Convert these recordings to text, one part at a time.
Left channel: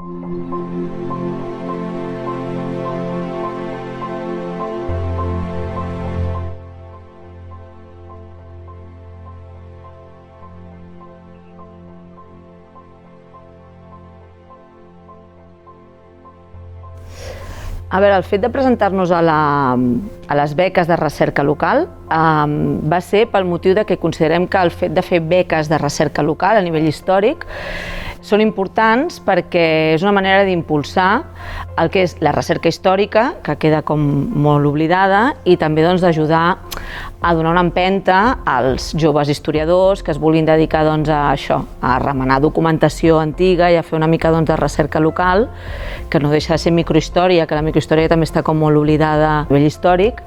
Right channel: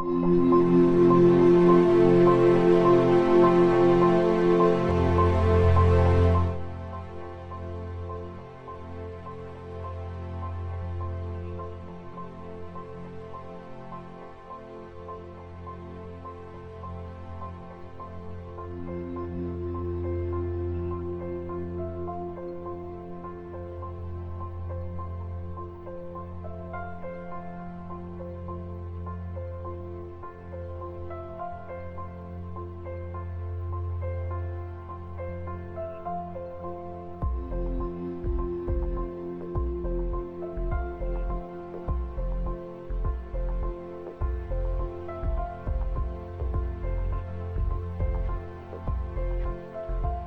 A veure, el fet de presentar-nos a les beques de recerca local va ser pel motiu de que considerem que el fet de fer beques de recerca local a nivell històric són importants perquè és una manera d'impulsar el que és la recerca històrica, que queda com molt oblidada, i també d'ajudar a donar una empenta als joves historiadors que es vulguin dedicar a això, a remenar documentació antiga i a fer una mica de recerca local, que no deixa de ser microhistòria, que la microhistòria també està com molt oblidada a nivell històric.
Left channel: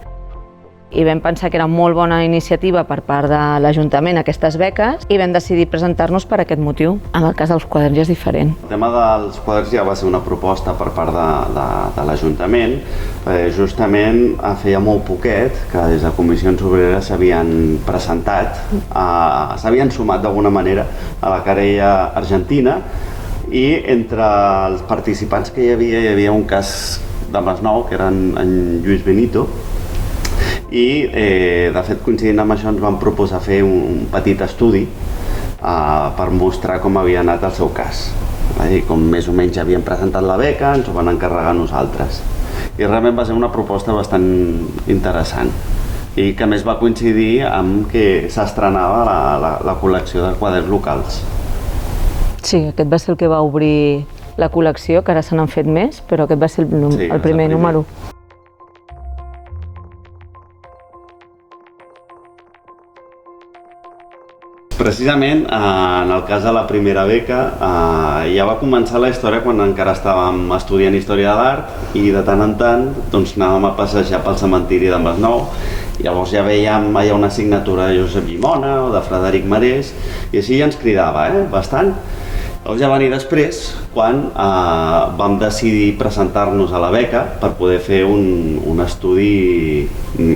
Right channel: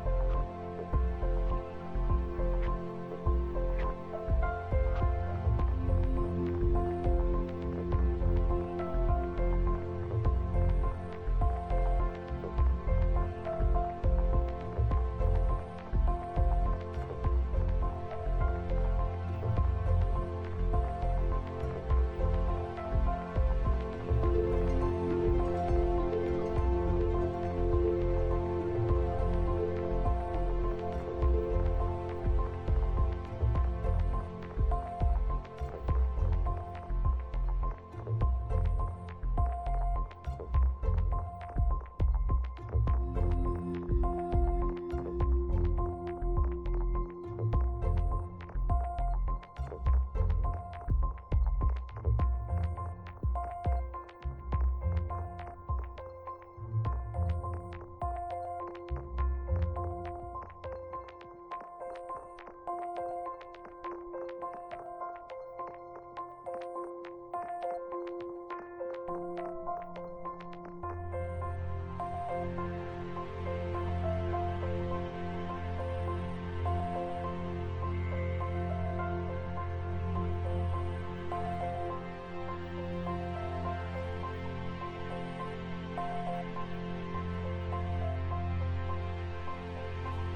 I vam pensar que era molt bona iniciativa per part de l'Ajuntament aquestes beques i vam decidir presentar-nos per aquest motiu. En el cas dels quaderns ja és diferent. El tema dels quaderns ja va ser una proposta per part de l'Ajuntament. Justament feia molt poquet que des de Comissions Obreres s'havien presentat, s'havien sumat d'alguna manera a la querella argentina, i entre els participants que hi havia un cas de Masnou, que era en Lluís Benito, i de fet coincidint amb això ens van proposar fer un petit estudi per mostrar com havia anat el seu cas. Com més o menys havien presentat la beca, ens ho van encarregar a nosaltres. I realment va ser una proposta bastant interessant i que a més va coincidir amb que s'estrenava la col·lecció de quaderns locals. Sí, aquest va ser el que va obrir la col·lecció, que ara se n'han fet més, però aquest va ser el primer número. Precisament, en el cas de la primera beca, ja va començar la història quan encara estàvem estudiant Història de l'Art i de tant en tant anàvem a passejar pel cementiri de Masnou. Llavors ja veiem allà una signatura de Josep Llimona o de Frederic Marès i així ja ens cridava bastant. Llavors ja va venir després quan vam decidir presentar-nos a la beca per poder fer un estudi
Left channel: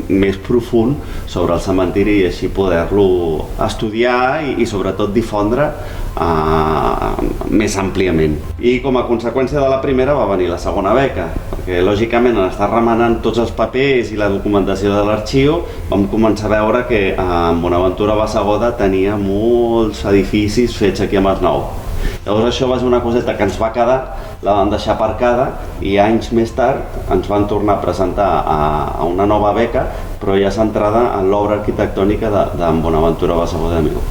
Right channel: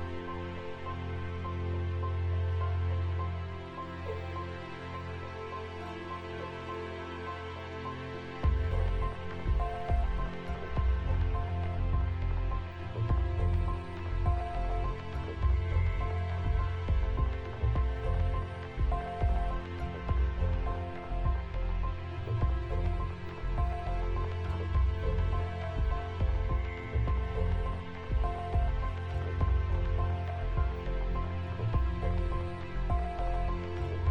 més profund sobre el cementiri i així poder-lo estudiar i sobretot difondre més àmpliament. I com a conseqüència de la primera va venir la segona beca, perquè lògicament en estar remenant tots els papers i la documentació de l'arxiu vam començar a veure que Bonaventura Bassegoda tenia molts edificis fets aquí a Masnou. Llavors això va ser una coseta que ens va quedar, la vam deixar aparcada i anys més tard ens van tornar a presentar a una nova beca, però ja centrada en l'obra arquitectònica d'en Bonaventura Bassegoda Amigo.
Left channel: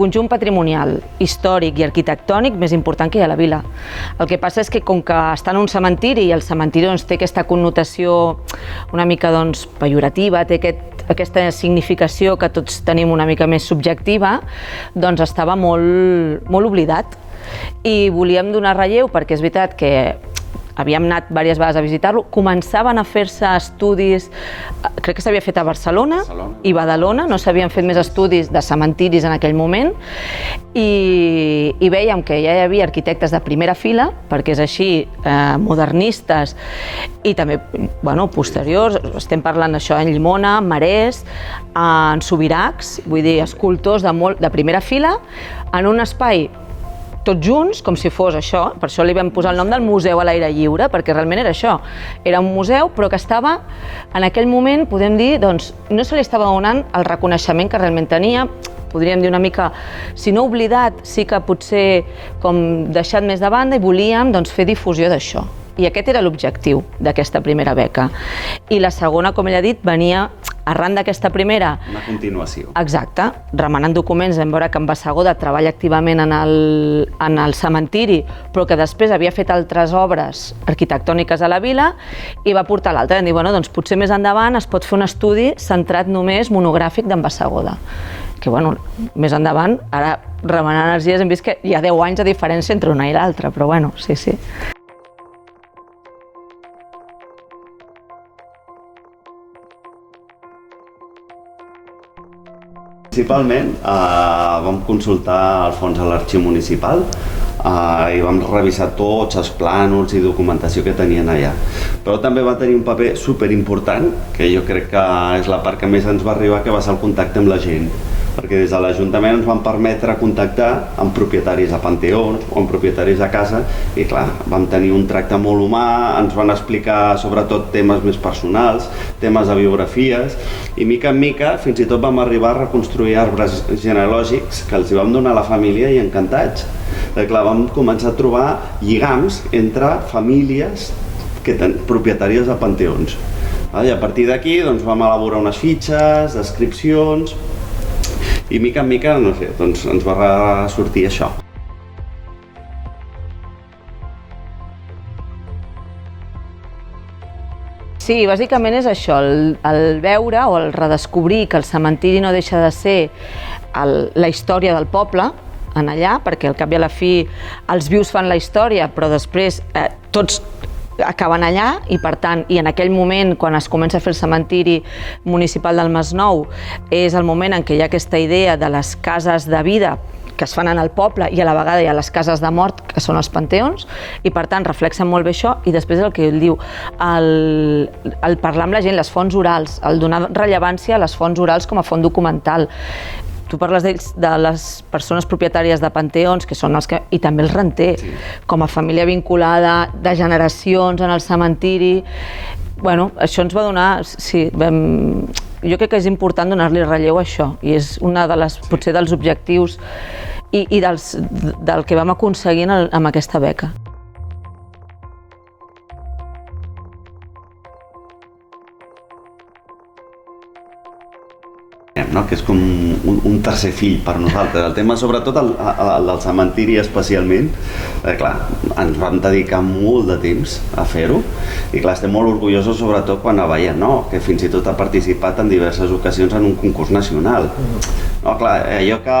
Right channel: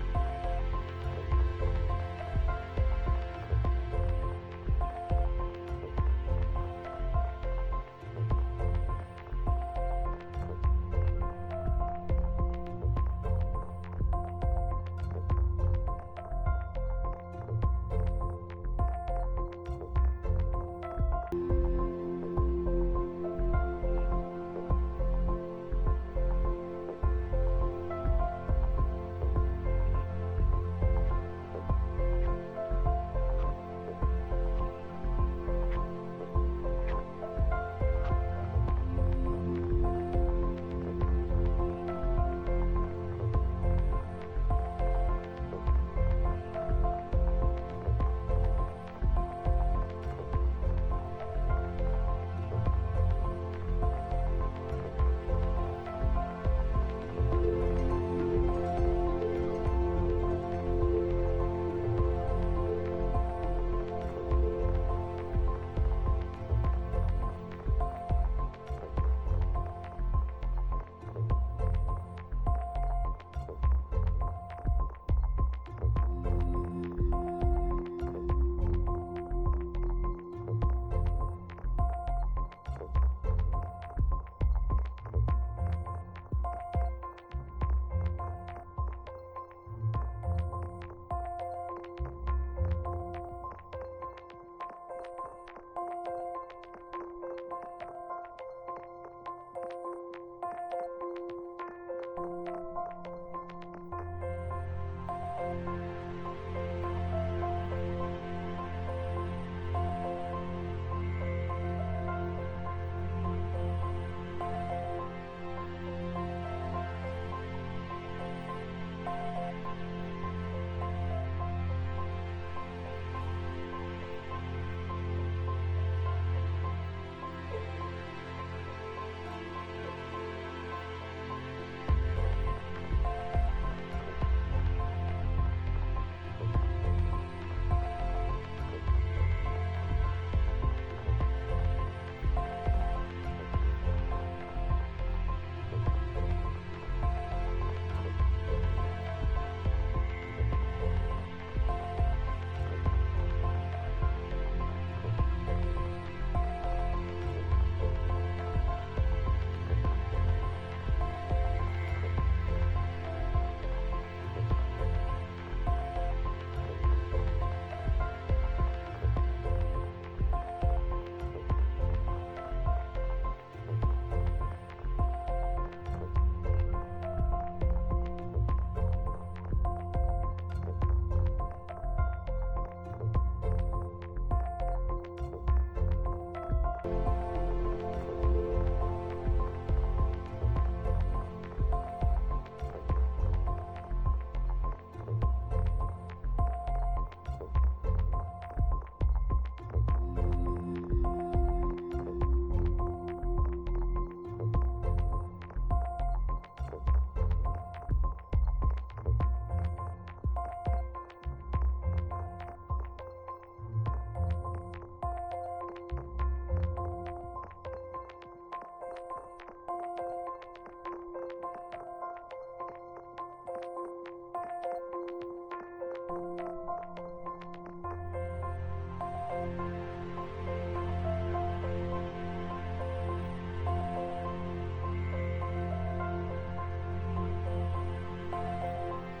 Conjunt patrimonial, històric i arquitectònic més important que hi ha a la vila. El que passa és que com que està en un cementiri i el cementiri té aquesta connotació una mica pejorativa, té aquesta significació que tots tenim una mica més subjectiva, doncs estava molt oblidat. I volíem donar relleu perquè és veritat que havíem anat diverses vegades a visitar-lo, començaven a fer-se estudis, crec que s'havia fet a Barcelona i Badalona, no s'havien fet més estudis de cementiris en aquell moment, i vèiem que ja hi havia arquitectes de primera fila, perquè és així, modernistes i també posteriors, estem parlant d'això, en Llimona, Marès, en Subirachs, vull dir, escultors de primera fila, en un espai tots junts, com si fos això, per això li vam posar el nom del Museu a l'aire lliure, perquè realment era això, era un museu però que estava, en aquell moment, podem dir, doncs, no se li estava donant el reconeixement que realment tenia, podríem dir una mica, si no oblidat, sí que potser com deixat més de banda i volíem fer difusió d'això. I aquest era l'objectiu d'aquesta primera beca. I la segona, com ell ha dit, venia arran d'aquesta primera... Una continuació. Exacte. Remenant documents vam veure que en Bassegoda treballa activament en el cementiri, però que després havia fet altres obres arquitectòniques a la vila i va portar l'altra. Vam dir, doncs potser més endavant es pot fer un estudi centrat només monogràfic d'en Bassegoda. Que, més endavant, ara remenant energies hem vist que hi ha 10 anys de diferència entre una i l'altra, però sí. Principalment vam consultar el fons a l'arxiu municipal i vam revisar tots els plànols i documentació que tenien allà. però també va tenir un paper superimportant, que jo crec que és la part que més ens va arribar, que va ser el contacte amb la gent. Perquè des de l'Ajuntament ens van permetre contactar amb propietaris de panteons o amb propietaris de casa i clar, vam tenir un tracte molt humà, ens van explicar sobretot temes més personals, temes de biografies i mica en mica fins i tot vam arribar a reconstruir arbres genealògics que els hi vam donar a la família i encantats. Clar, vam començar a trobar lligams entre famílies propietàries de panteons. I a partir d'aquí vam elaborar unes fitxes, descripcions, i mica en mica, no sé, ens va sortir això. Sí, bàsicament és això, el veure o el redescobrir que el cementiri no deixa de ser la història del poble en allà, perquè al cap i a la fi els vius fan la història, però després tots acaben allà i per tant, i en aquell moment quan es comença a fer el cementiri municipal del Masnou és el moment en què hi ha aquesta idea de les cases de vida que es fan en el poble i a la vegada hi ha les cases de mort que són els panteons i per tant reflexen molt bé això i després el que ell diu, el parlar amb la gent, les fonts orals, el donar rellevància a les fonts orals com a font documental. Tu parles de les persones propietàries de panteons, que són els que... i també els renters, com a família vinculada de generacions en el cementiri. Bueno, això ens va donar... Sí, jo crec que és important donar-li relleu a això, i és una de les, potser dels objectius i del que vam aconseguir amb aquesta beca. Que és com un tercer fill per nosaltres. El tema, sobretot el del cementiri especialment, clar, ens vam dedicar molt de temps a fer-ho i clar, estem molt orgullosos sobretot quan veiem que fins i tot ha participat en diverses ocasions en un concurs nacional. Clar, allò que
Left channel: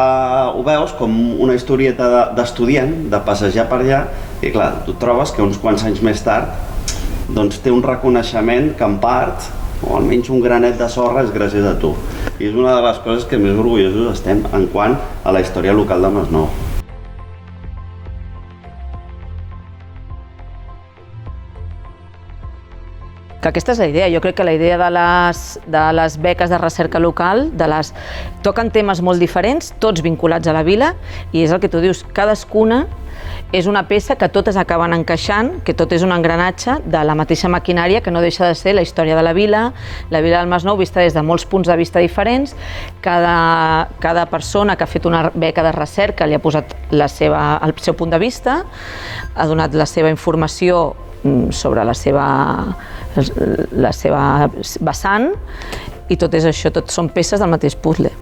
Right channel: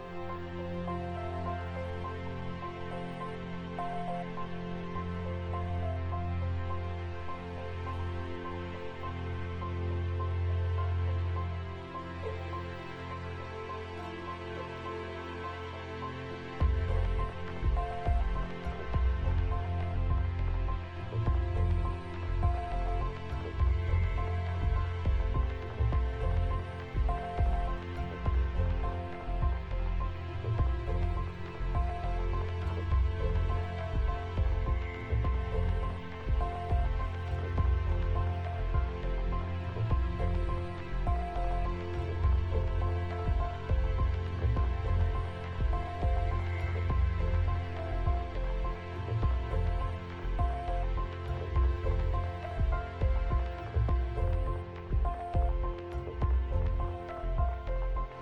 ho veus com una historieta d'estudiant, de passejar per allà, i clar, tu trobes que uns quants anys més tard té un reconeixement que en part o almenys un granet de sorra és gràcies a tu. I és una de les coses que més orgullosos estem en quant a la història local del Masnou. Que aquesta és la idea. Jo crec que la idea de les beques de recerca local, toquen temes molt diferents, tots vinculats a la vila, i és el que tu dius, cadascuna és una peça que totes acaben encaixant, que tot és un engranatge de la mateixa maquinària que no deixa de ser la història de la vila del Masnou vista des de molts punts de vista diferents. Cada persona que ha fet una beca de recerca li ha posat el seu punt de vista, ha donat la seva informació sobre la seva vessant i tot és això, tot són peces del mateix puzzle.